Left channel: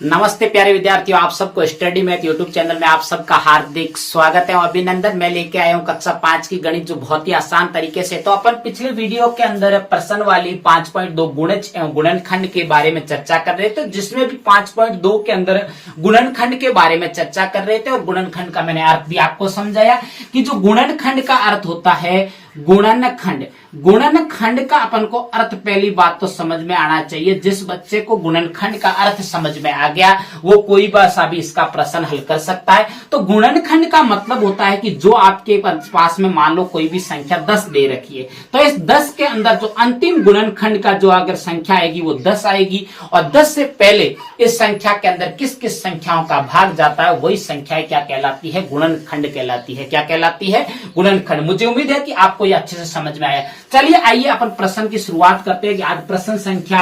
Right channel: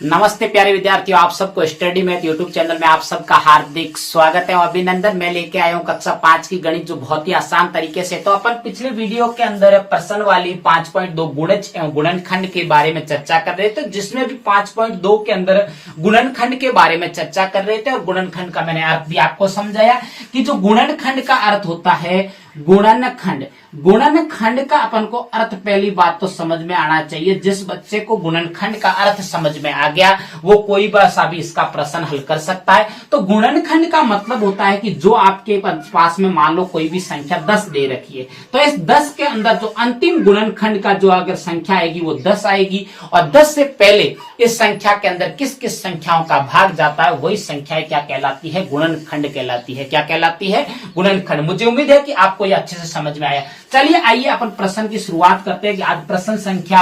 नमस्ते प्यारे विद्यार्थियों, आप सबको स्टडी मैथ यूट्यूब चैनल में आप सबका हार्दिक स्वागत है और अभिनंदन। मैं लेके आया हूँ कक्षा 5 की गणित, जो बहुत ही आसान तरीके से। तो अपन पिछले वीडियो के अंदर प्रश्न वाली 5.2 गुणज एवं गुणनखंड के बारे में चर्चा कर रहे थे, जिसमें भी 5.2 के अंदर गुणनखंड के बारे में चर्चा कर रहे थे और गुणनखंड का मैंने अर्थ भी आपको समझाया कि जो गुणनखंड का अर्थ होता है गुणनखंड। गुणनखंड का अपन को अर्थ, पहली बात तो समझ में आना चाहिए। जिस बच्चे को गुणनखंड का अर्थ समझ में आ गया वो कोई सा भी इसका प्रश्न हल कर सकता है। तो गुणनखंड का मतलब होता है कि जो आपके पास में मान लो कोई भी संख्या 10 दे रखी है, तो इस 10 के अंदर जो अंतिम गुणनखंड का जो अगर संख्या आएगी वो 10 आएगी, और 10 से पहले इस संख्या के अंदर किस किस संख्याओं का भाग जाता है वही संख्या क्या कहलाती है, गुणनखंड कहलाती है। क्या कहलाती है? गुणनखंड। मुझे उम्मीद है कि आपको ये अच्छे से समझ में आया। चलिए आइए अपन प्रश्न की शुरुआत करते हैं कि आज प्रश्न संख्या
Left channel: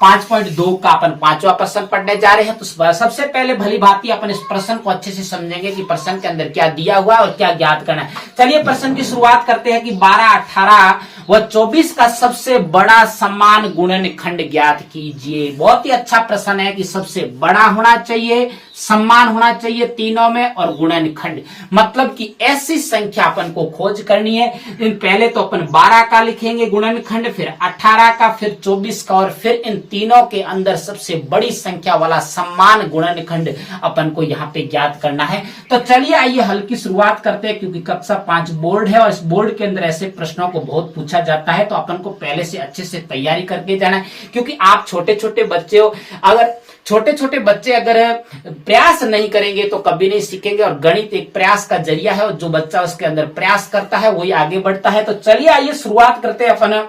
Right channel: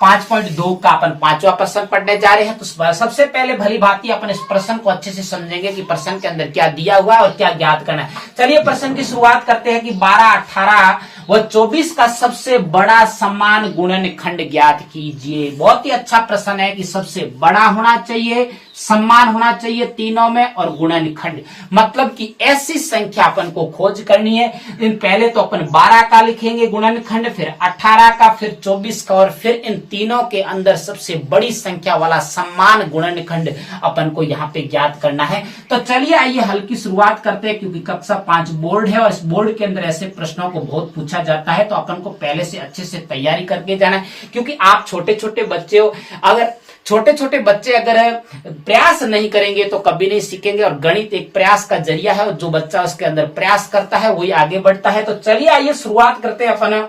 5.2 का अपन 5वां प्रश्न पढ़ने जा रहे हैं। तो सबसे पहले भली भांति अपन इस प्रश्न को अच्छे से समझेंगे कि प्रश्न के अंदर क्या दिया हुआ है और क्या ज्ञात करना है। चलिए प्रश्न की शुरुआत करते हैं कि 12, 18 व 24 का सबसे बड़ा समान गुणनखंड ज्ञात कीजिए। बहुत ही अच्छा प्रश्न है कि सबसे बड़ा होना चाहिए, समान होना चाहिए तीनों में, और गुणनखंड मतलब कि ऐसी संख्या अपन को खोज करनी है। इन पहले तो अपन 12 का लिखेंगे गुणनखंड, फिर 18 का, फिर 24 का, और फिर इन तीनों के अंदर सबसे बड़ी संख्या वाला समान गुणनखंड अपन को यहाँ पे ज्ञात करना है। तो चलिए आइए हल की शुरुआत करते हैं, क्योंकि कक्षा 5 बोर्ड है और इस बोर्ड के अंदर ऐसे प्रश्नों को बहुत पूछा जाता है। तो अपन को पहले से अच्छे से तैयारी करके जाना है, क्योंकि आप छोटे छोटे बच्चे हो। अगर छोटे छोटे बच्चे अगर प्रयास नहीं करेंगे तो कभी नहीं सीखेंगे, और गणित एक प्रयास का जरिया है, और जो बच्चा उसके अंदर प्रयास करता है वही आगे बढ़ता है। तो चलिए आइए शुरुआत करते हैं अपन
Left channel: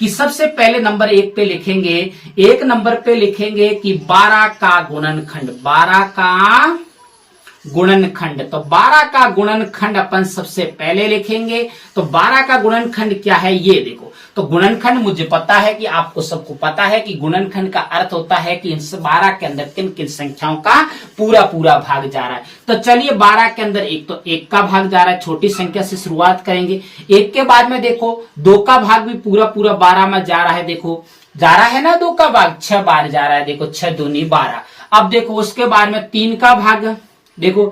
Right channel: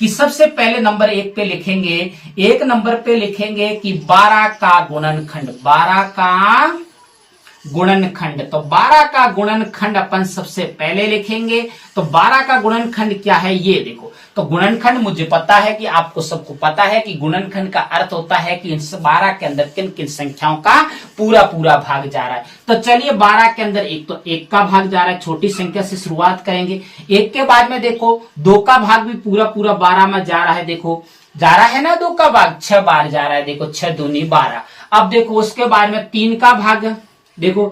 कि सबसे पहले नंबर 1 पे लिखेंगे, 1 नंबर पे लिखेंगे कि 12 का गुणनखंड। 12 का गुणनखंड, तो 12 का गुणनखंड अपन सबसे पहले लिखेंगे। तो 12 का गुणनखंड क्या है ये देखो। तो गुणनखंड मुझे पता है कि आपको सबको पता है कि गुणनखंड का अर्थ होता है कि इस 12 के अंदर किन किन संख्याओं का पूरा पूरा भाग जा रहा है। तो चलिए 12 के अंदर एक तो 1 का भाग जा रहा है, छोटी संख्या से शुरुआत करेंगे। 1 के बाद में देखो 2 का भाग भी पूरा पूरा 12 में जा रहा है। देखो जा रहा है ना, 2 का भाग 6 बार जा रहा है। देखो 6 दूनी 12। अब देखो उसके बाद में 3 का भाग, देखो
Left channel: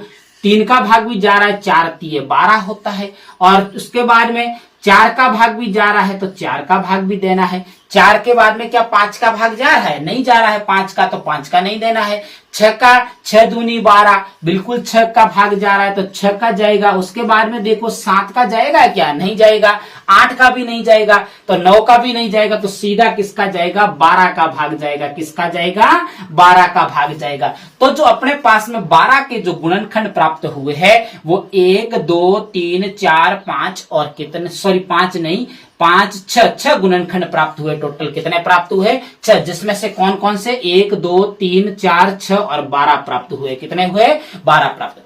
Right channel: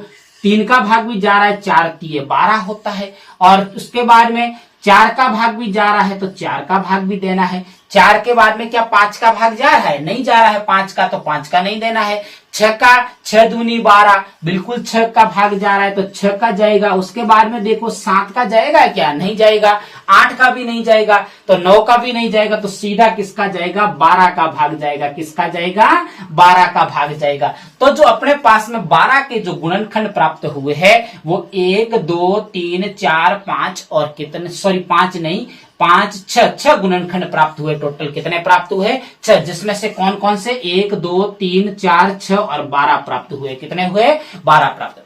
3 का भाग भी जा रहा है, 4 3 12 होता है। और उसके बाद में 4 का भाग भी जा रहा है, तो 4 का भाग भी देना है। 4 के बाद में क्या 5 का भाग जा रहा है? नहीं जा रहा है 5 का, तो 5 का नहीं देना है। 6 का 6 दूनी 12, बिल्कुल 6 का भाग जा रहा है, तो 6 का जाएगा। उसके बाद में देखो 7 का जाएगा क्या? नहीं जाएगा। 8 का भी नहीं जाएगा, तो 9 का भी नहीं जाएगा, तो सीधा किसका जाएगा? 12 का भाग जाएगा। किसका जाएगा? 12 का भाग जाएगा। तो जो अपने पास में 12 के जो गुणनखंड प्राप्त हुए हैं वो 1 2 3 4 5 और कितने, सॉरी 5 नहीं, 5 6 गुणनखंड प्राप्त हुए। टोटल कितने प्राप्त हुए? 6, जिसमें से कौन कौन से? 1 2 3 4 6 और 12 प्राप्त हुए। कितने हुए? 12 प्राप्त।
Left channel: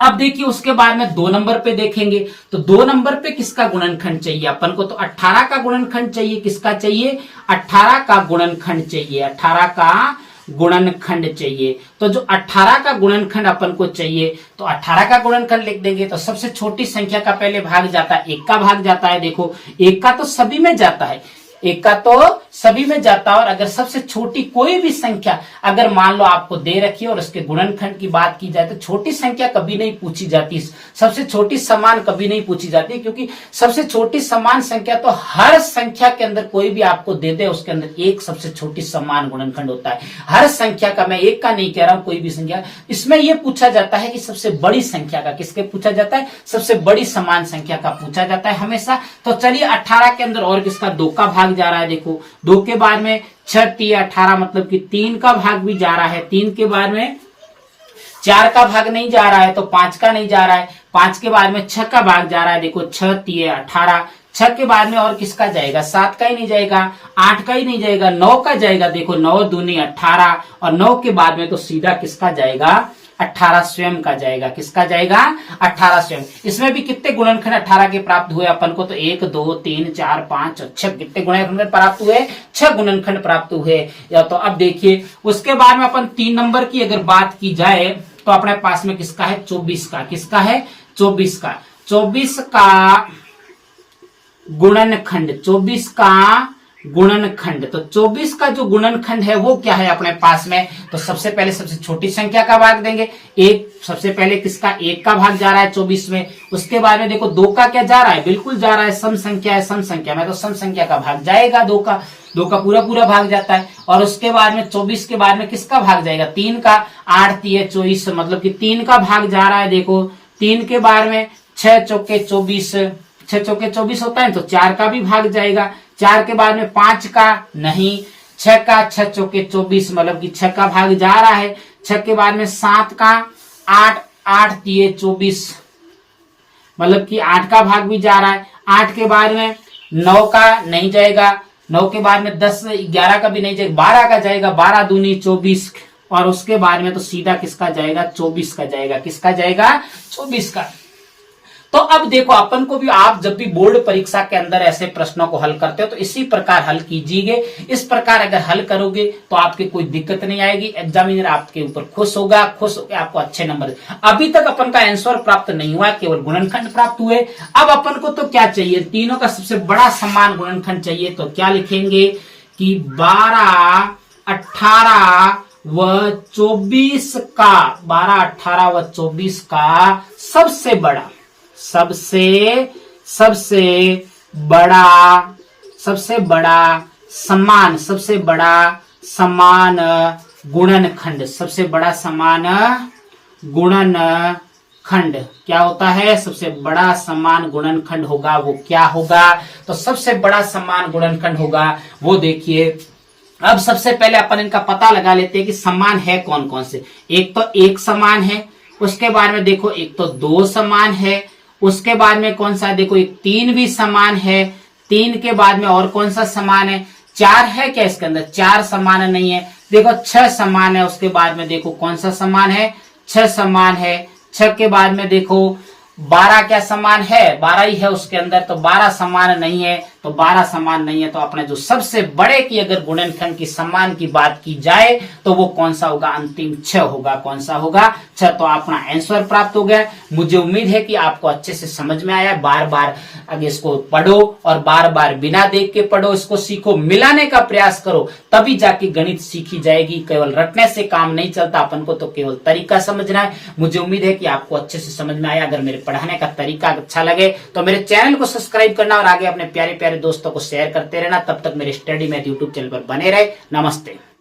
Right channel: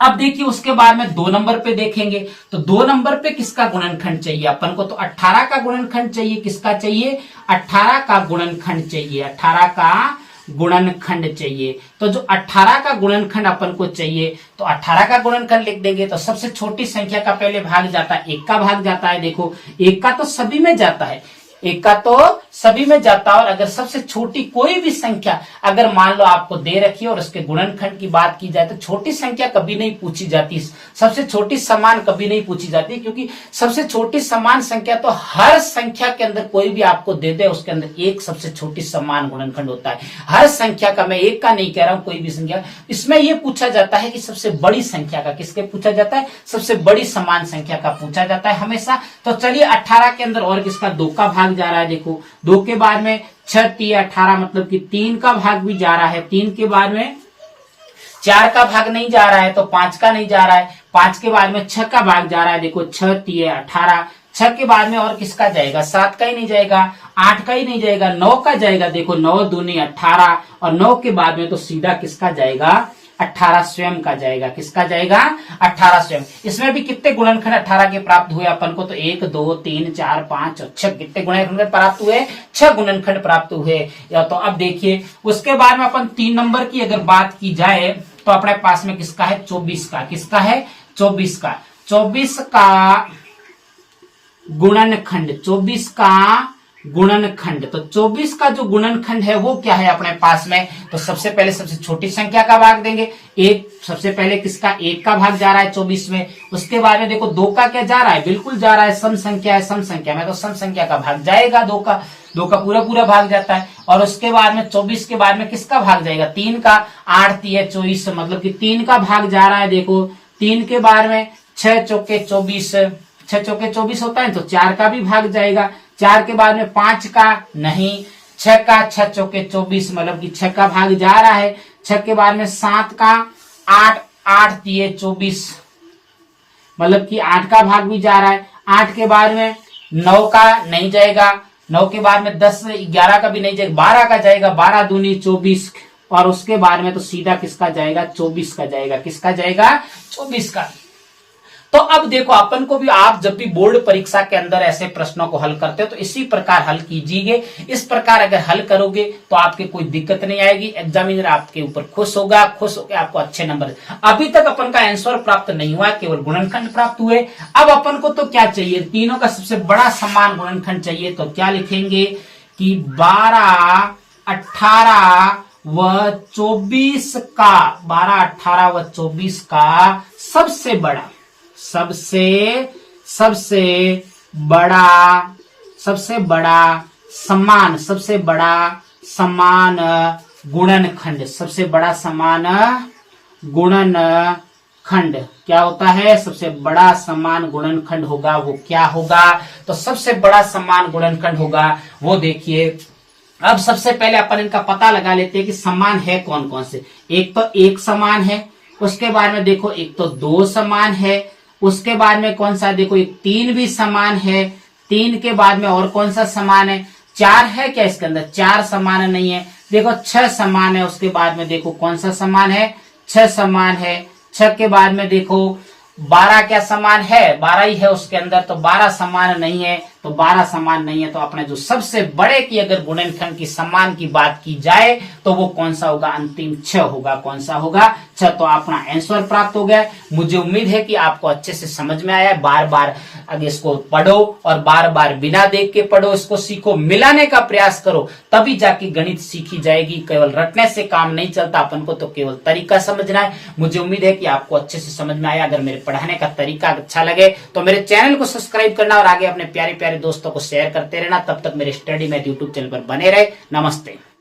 अब देखिए उसके बाद में 2 नंबर पे देखेंगे, तो 2 नंबर पे किसका गुणनखंड चाहिए अपन को? तो 18 का गुणनखंड चाहिए। किसका चाहिए? 18 का गुणनखंड चाहिए। 18 का गुणनखंड चाहिए। तो जो 18 का गुणनखंड अपन को चाहिए, तो 18 का गुणनखंड लिख देंगे। तो सबसे छोटी संख्या का पहले भाग जाता है, 1 का भाग जाता है। देखो 1 का तो सभी में जाता है, 1 का तो सभी में जाता है। और अगर सबसे छोटी कोई भी संख्या अगर मान लो आपको दे रखी है और उसके गुणनखंड की बात की जाए, तो छोटी संख्या कभी नहीं पूछी जाती, सबसे छोटी समान कभी नहीं पूछी जाती, क्योंकि सबसे छोटी समान संख्या तो हर संख्या के अंदर कोई भी आपको दे दे उसके अंदर एक सबसे छोटी समान गुणनखंड होता है। हर संख्या का, मैं 1 का नहीं कह रहा हूं, कोई भी संख्या, इसमें यह पूछा जाता है कि सबसे बड़ी संख्या का, किसके पूछा जाता है? सबसे बड़ी समान संख्या का पूछा जाता है हमेशा। तो चलिए 18 के अंदर और किसका? 2 का भाग जा रहा है। देखो 2 के बाद में 6 3 18, मतलब कि 3 का भाग भी जा रहा है। 3 के बाद में 4 का भाग नहीं जा रहा है, तो 5 का नहीं जा रहा है। 5 के बाद में 6 का भाग जा रहा है। देखो 6 3 18। 6 के बाद में और किसका जाएगा? 7 का ही नहीं जाएगा, 8 का ही नहीं जाएगा, 9 का जाएगा। देखो 9 दूनी 18, और 9 के बाद में तो सीधा किसका जाएगा? 18 स्वयं का जाएगा। किसका जाएगा? 18 स्वयं। इसमें भी कितने गुणनखंड 18 के प्राप्त हुए अपन को? तो 1 2 3 4 5 और 6 कितने गुणनखंड प्राप्त हुए? 6 गुणनखंड प्राप्त हुए। या तो अब देखिए उसके बाद में अपन 3 नंबर की अगर बात की जाए, तो अपने पास में किसका है? 24 का। किसका है? 24 का। 24 का गुणनखंड, 24 का गुणनखंड। तो 24 का जो गुणनखंड है वो क्या है अपने पास में, तो सबसे पहले सबसे छोटी संख्या का भाग देंगे, एक। सबसे पहले किसका, 1 का भाग जा रहा है 24 में। उसके बाद में देखो 2 का क्या जा रहा है, बिल्कुल जा रहा है, सम संख्या है, सम संख्या में तो सम संख्या का भाग जाएगा 2 का, 2 का पूरा पूरा भाग जाता है। और उसके बाद में 24 के बाद में किसका भाग जाएगा, 3 का, 8 3 24, मतलब कि 3 का भाग जा रहा है। देखो 3 के बाद में 6 चौके 24, 6 चौके 24 होता है तो 4 का भी भाग जाएगा। 4 के बाद में 5 का नहीं, 6 का, 6 चौके 24, मतलब कि 6 का भाग जा रहा है। 6 के बाद में 7 का, 8 8 3 24, मतलब कि 8 का भाग भी जा रहा है। 8 के बाद में 9 का नहीं जाएगा, 9 के बाद में 10 11 का भी नहीं जाएगा, 12 का जाएगा, 12 दूनी 24। और उसके बाद में तो सीधा किसका जाएगा, 24 का जाएगा। किसका जाएगा, 24 का। तो अब देखो अपन को भी, आप जब भी बोर्ड परीक्षा के अंदर ऐसे प्रश्नों को हल करते हो तो इसी प्रकार हल कीजिए। इस प्रकार अगर हल करोगे तो आपके कोई दिक्कत नहीं आएगी, एग्जामिनर आपके ऊपर खुश होगा, खुश होकर आपको अच्छे नंबर। अभी तक अपन का आंसर प्राप्त नहीं हुआ, केवल गुणनखंड प्राप्त हुए। अब अपन को तो क्या चाहिए, तीनों का सबसे बड़ा समान गुणनखंड चाहिए। तो क्या लिखेंगे कि 12 18 व 24 का, 12 18 व 24 का सबसे बड़ा, सबसे बड़ा समान गुणनखंड, सबसे बड़ा समान गुणनखंड क्या होता है, सबसे बड़ा समान गुणनखंड होगा वो क्या होगा, तो सबसे बड़ा समान गुणनखंड होगा वो देखिए। अब सबसे पहले अपन इनका पता लगा लेते हैं कि समान है कौन कौन से। एक तो 1 समान है, उसके बाद में देखो एक तो 2 समान है, उसके बाद में कौन सा, देखो एक 3 भी समान है, 3 के बाद में और कौन सा समान है, 4 है क्या इसके अंदर, 4 समान नहीं है। देखो 6 समान है, उसके बाद में देखो कौन सा समान है, 6 समान है। 6 के बाद में देखो 12 क्या समान है, 12 ही है उसके अंदर, तो 12 समान नहीं है। तो 12 समान नहीं है तो अपने जो सबसे बड़े की अगर गुणनखंड की समान की बात की जाए तो वो कौन सा होगा, अंतिम 6 होगा। कौन सा होगा, 6। तो अपना आंसर प्राप्त हो गया। मुझे उम्मीद है कि आपको अच्छे से समझ में आया। बार बार अगर इसको पढ़ो और बार बार बिना देख के पढ़ो, इसको सीखो, मिलाने का प्रयास करो, तभी जाके गणित सीखी जाएगी। केवल रटने से काम नहीं चलता, अपन को तो केवल तरीका समझना है। मुझे उम्मीद है कि आपको अच्छे से समझ में आया। अगर मेरे पढ़ाने का तरीका अच्छा लगे तो मेरे चैनल को सब्सक्राइब करना और आगे अपने प्यारे प्यारे दोस्तों को शेयर करते रहना। तब तक मेरे स्टडी मैथ यूट्यूब चैनल पर बने रहे। नमस्ते।